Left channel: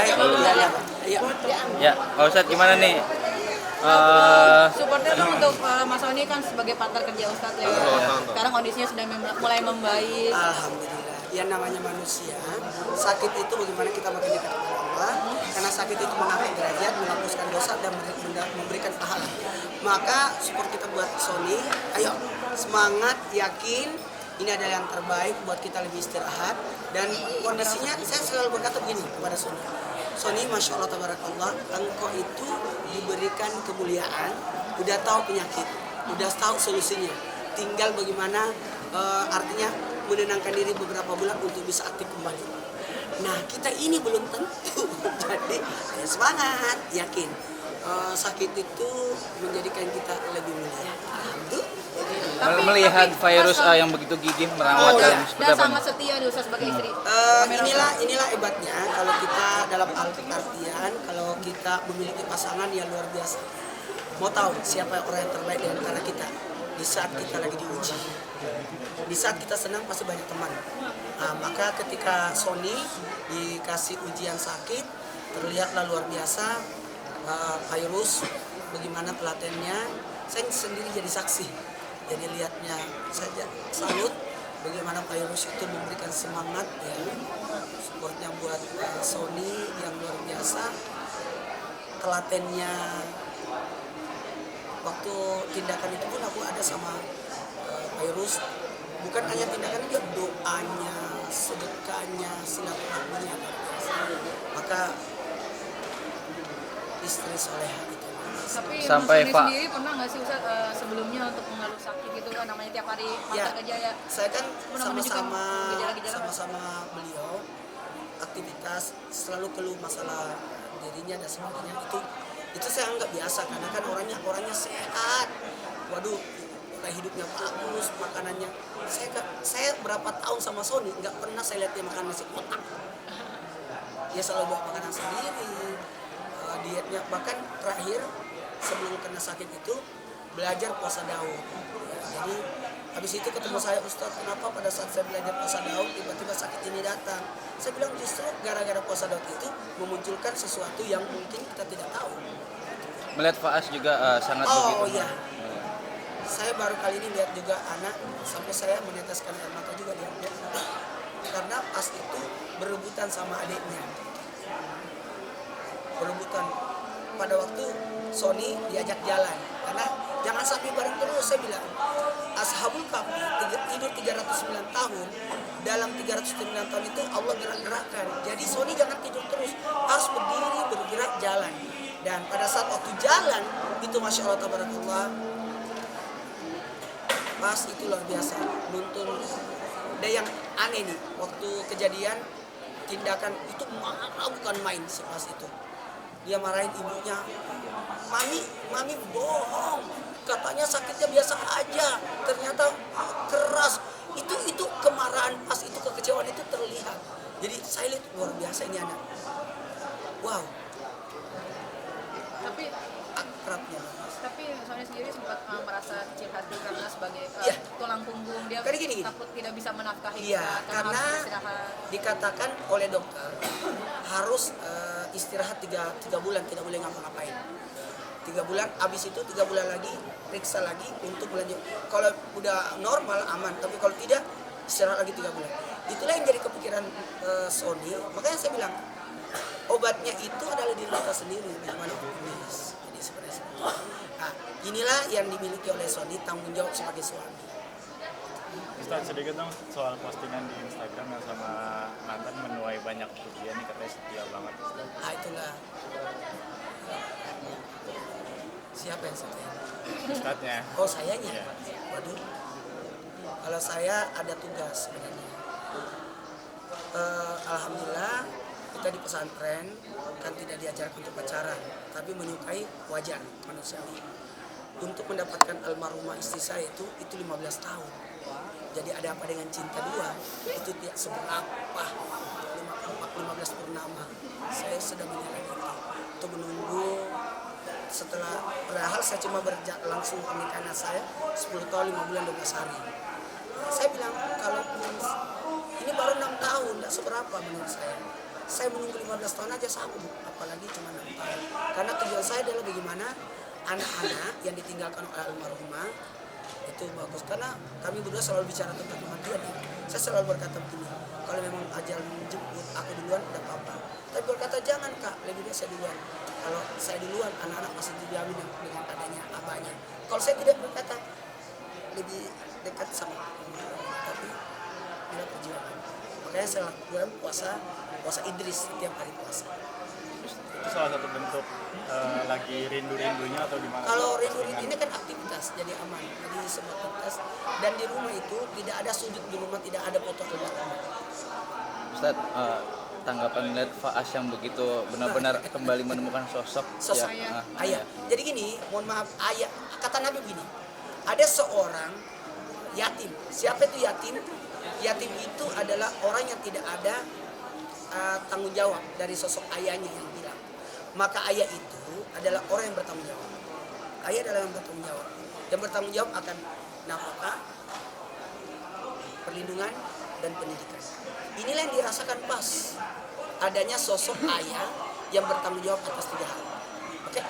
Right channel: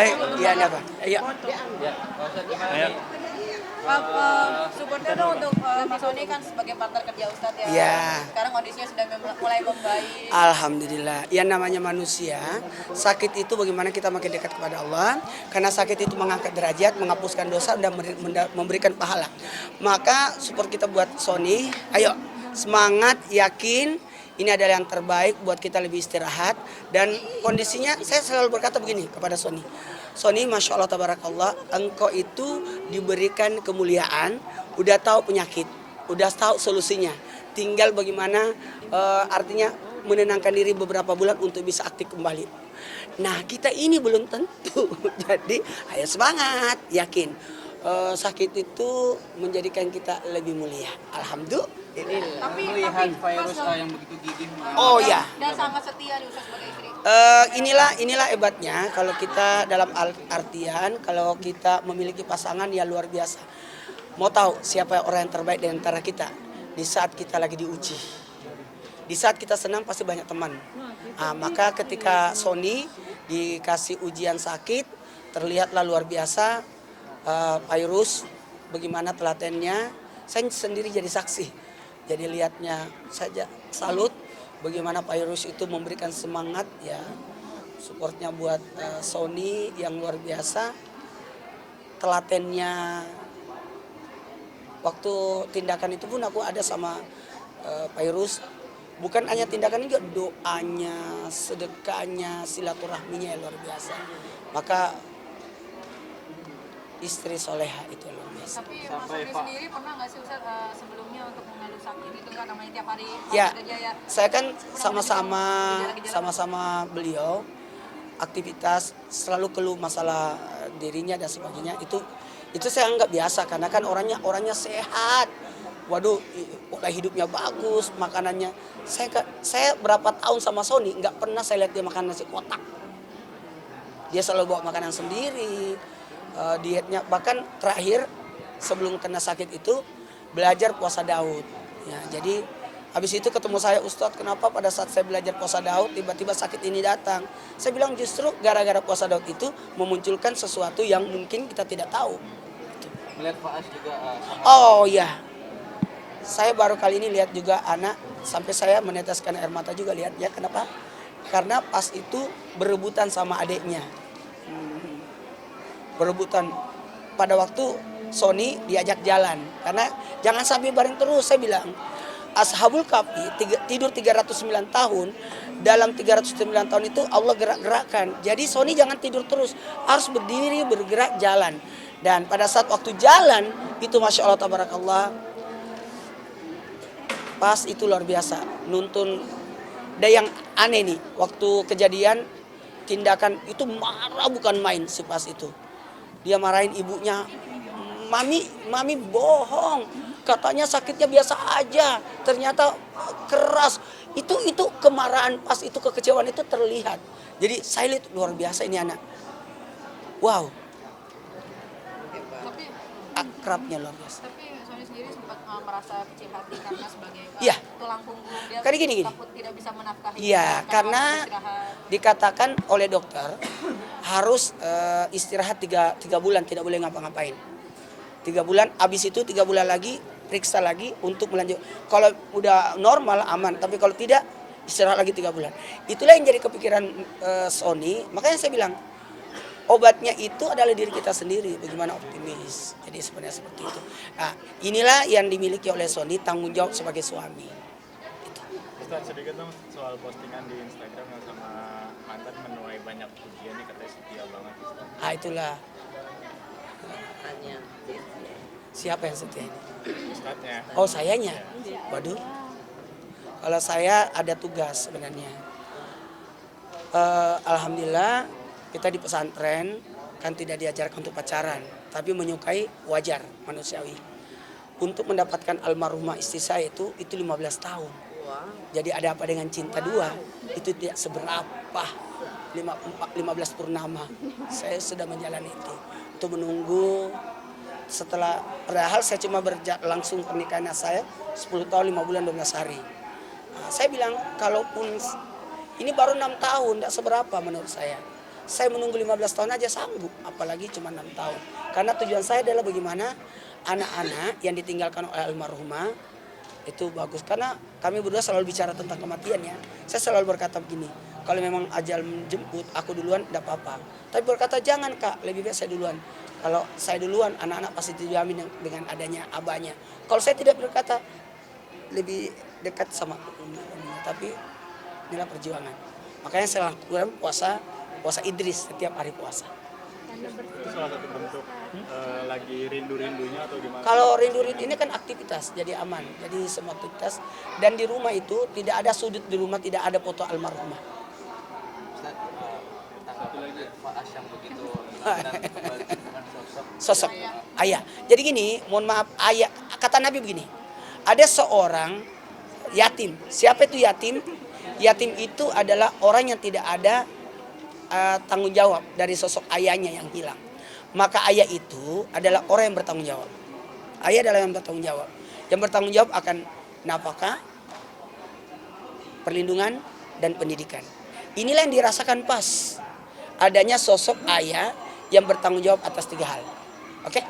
Saya ya, Pak. Iya. Ya, Pak Ustadz gimana nih? Supportnya tuh untuk Mas Sony kan sebagai partner kerja Ustadz ya. Iya. Sekarang kondisinya sudah mulai membaik. Alhamdulillah. Yang namanya manusia, sakit itu bagaimana kita makin dekat kepada Allah. Karena sakit itu mengangkat derajat, menghapuskan dosa dan memberikan pahala. Maka support kita buat Sony. Ayo, semangat, yakin. Ini adalah yang terbaik buat kita lebih istirahat. Dan kondisinya, saya selalu berkata begini kepada Sony. Sony, Masya Allah, Tabarakallah, engkau itu diberikan kemuliaan, udah tahu penyakit, udah tahu solusinya. Tinggal bagaimana artinya menenangkan diri beberapa bulan untuk bisa aktif kembali. Nah, kita ini belum tentu. Jadi, ayo semangat, yakin. Sakit itu menjadikan kita lebih mulia. Alhamdulillah. Melihat virus yang begitu gigih merawat iya. Dan sangat setia nih Ustadz sebagai istri. Inilah hebatnya kalau kita dalam artian kalau kita memiliki pasangan yang luar biasa. Mau tahu siapa orang yang terbaik di antara kita di saat kita lagi diuji. Di saat kita senang pasti banyak teman. Maka ketika Sony dikasih ujian sakit, terlihatlah luar biasa virus, bagaimana telatennya. Saya sendiri jadi saksi. Jadi lihatnya saja salut bagaimana virus itu memberikan semangat ya, supportnya buat Sony yang luar biasa. Telatennya waktu tindakan itu pun aku ada sama virus. Bukan hanya tindakan juga, doanya, sedekahnya, silaturahminya luar biasa. Maka istri soleha itu. Tapi Sampai Mas Sony Pak sendiri pernah nggak sih Ustadz sebelumnya untuk mengeluh sakit itu kan namanya tiap hari Ya, kerja ya. saya kan Mudah-mudahan juga sama-sama beliau aktivitas selalu keluh masalah dirinya dan sebagainya. Itu saya anggap biasa karena kan orangnya sehat. Waduh, pola hidupnya bagus, makanannya. Saya berapa tahun sama Sony nggak pernah saya lihat dia makan nasi kotak. Dia selalu bawa makanan sendiri. Dietnya bahkan terakhir sebelum kena sakit itu belajar puasa Daud ya, jadi habis itu ketemu saya, Ustadz, kenapa pada saat saya belajar puasa Daud tiba-tiba sakit ini datang? Saya bilang justru gara-gara puasa Daud itu memunculkan sesuatu yang mungkin kita tidak tahu. melihat Faas juga sangat Iya, saya baru kali ini lihat juga anak sampai saya meneteskan air mata juga lihatnya. Kenapa? Karena pas itu berebutan sama adiknya, berebutan pada waktu Sony diajak jalan karena jangan sampai bareng terus. Saya bilang Ashabul Kahfi tidur 309 tahun, dalam 309 tahun itu Allah gerak-gerakkan. Jadi Sony jangan tidur terus, harus berdiri, bergerak, jalan. Dan pada saat waktu jalan itu Masya Allah Tabarakallah, pas itu luar biasa nuntun. Ada yang aneh nih, waktu kejadian tindakan itu marah bukan main si pas itu. Dia marahin ibunya, Mami bohong, katanya sakitnya biasa aja, ternyata keras. Itu kemarahan pas itu, kekecewaan itu terlihat. Jadi saya lihat luar biasa ini anak. Wow. Tapi Akrabnya luar biasa. tapi Sony sendiri sempat merasa kecil hati karena sebagai Iya. tulang punggung dia Karena gini. takut tidak bisa menafkahi. Iya, karena harus istirahat. dikatakan oleh dokter harus istirahat 3 bulan, tidak boleh ngapa-ngapain. 3 bulan, habis itu 3 bulan lagi periksa lagi untuk melanjut. Kalau udah normal aman, tapi kalau tidak istirahat lagi 3 bulan. Itulah yang jadi kepikiran Sony. Makanya saya bilang obatnya itu adalah diri kita sendiri. Bagaimana optimis. Jadi sebenarnya seperti itu. Nah, inilah yang dimiliki oleh Sony, tanggung jawab sebagai suami. Ustaz, sedikit dong soal postingan di Instagram yang sama mantan menuai banyak pujian nih, katanya setia banget Ustaz. Itulah. Siapa yang setia? Ustaznya. Oh, sayanya. Waduh. Kalau saya ada tugas sebenarnya. Alhamdulillah kita di pesantren kan tidak diajarkan untuk pacaran, tapi menyukai wajar, manusiawi. Untuk mendapatkan almarhumah istri saya itu 15 tahun. Jadi ada apa dengan cinta dua? Itu tidak seberapa. 15 purnama saya sudah menjalani itu menunggu. Setelah padahal saya cuma langsung pernikahan saya 10 tahun 5 bulan 12 hari. Saya bilang kalaupun ini baru 6 tahun, tidak seberapa menurut saya. saya menunggu 15 tahun aja sanggup, apalagi cuma 6 tahun. Karena tujuan saya adalah bagaimana anak-anak yang ditinggalkan oleh almarhumah itu bagus. Karena kami berdua selalu bicara tentang kematian ya. Saya selalu berkata begini, kalau memang ajal menjemput aku duluan tidak apa-apa. Tapi berkata jangan kak, lebih baik saya duluan. Kalau saya duluan, anak-anak pasti dijamin dengan adanya abahnya. Kalau saya tidak berkata, lebih dekat sama tapi inilah perjuangan. Makanya saya lakukan puasa Idris setiap hari puasa. Itu salah satu bentuk lagi rindu-rindunya atau gimana? Kalau rindu ini kan aktivitas, jadi aman. Jadi semua aktivitas. Dan di rumah itu tidak ada sudut di rumah, tidak ada foto almarhumah. Ustaz, tanggapan melihat Faas yang begitu benar-benar kembali menemukan Sosok yang, ayah. Jadi gini, mohon maaf, ayah, kata Nabi begini, ada seorang yatim. Siapa itu yatim? Yatim itu adalah orang yang tidak ada tanggung jawab dari sosok ayahnya yang hilang. Maka ayah itu adalah orang yang bertanggung jawab. Ayah adalah yang bertanggung jawab. Yang bertanggung jawab akan nafkah, perlindungan, dan pendidikan. Inilah yang dirasakan pas adanya sosok ayah yang bertanggung jawab atas 3 hal. Oke?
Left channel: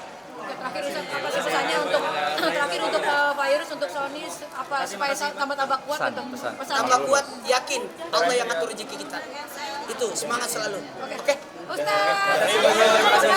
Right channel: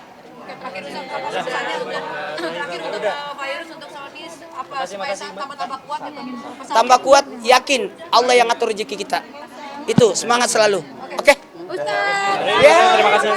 Terakhir Ustaz, apa sih pesannya untuk Pak Irus, untuk Sony, apa supaya tambah kuat gitu? Pesan Tambah kuat, yakin Allah yang ngatur rezeki kita. Itu semangat selalu. Oke? Ustaz. Yeah. Terima kasih.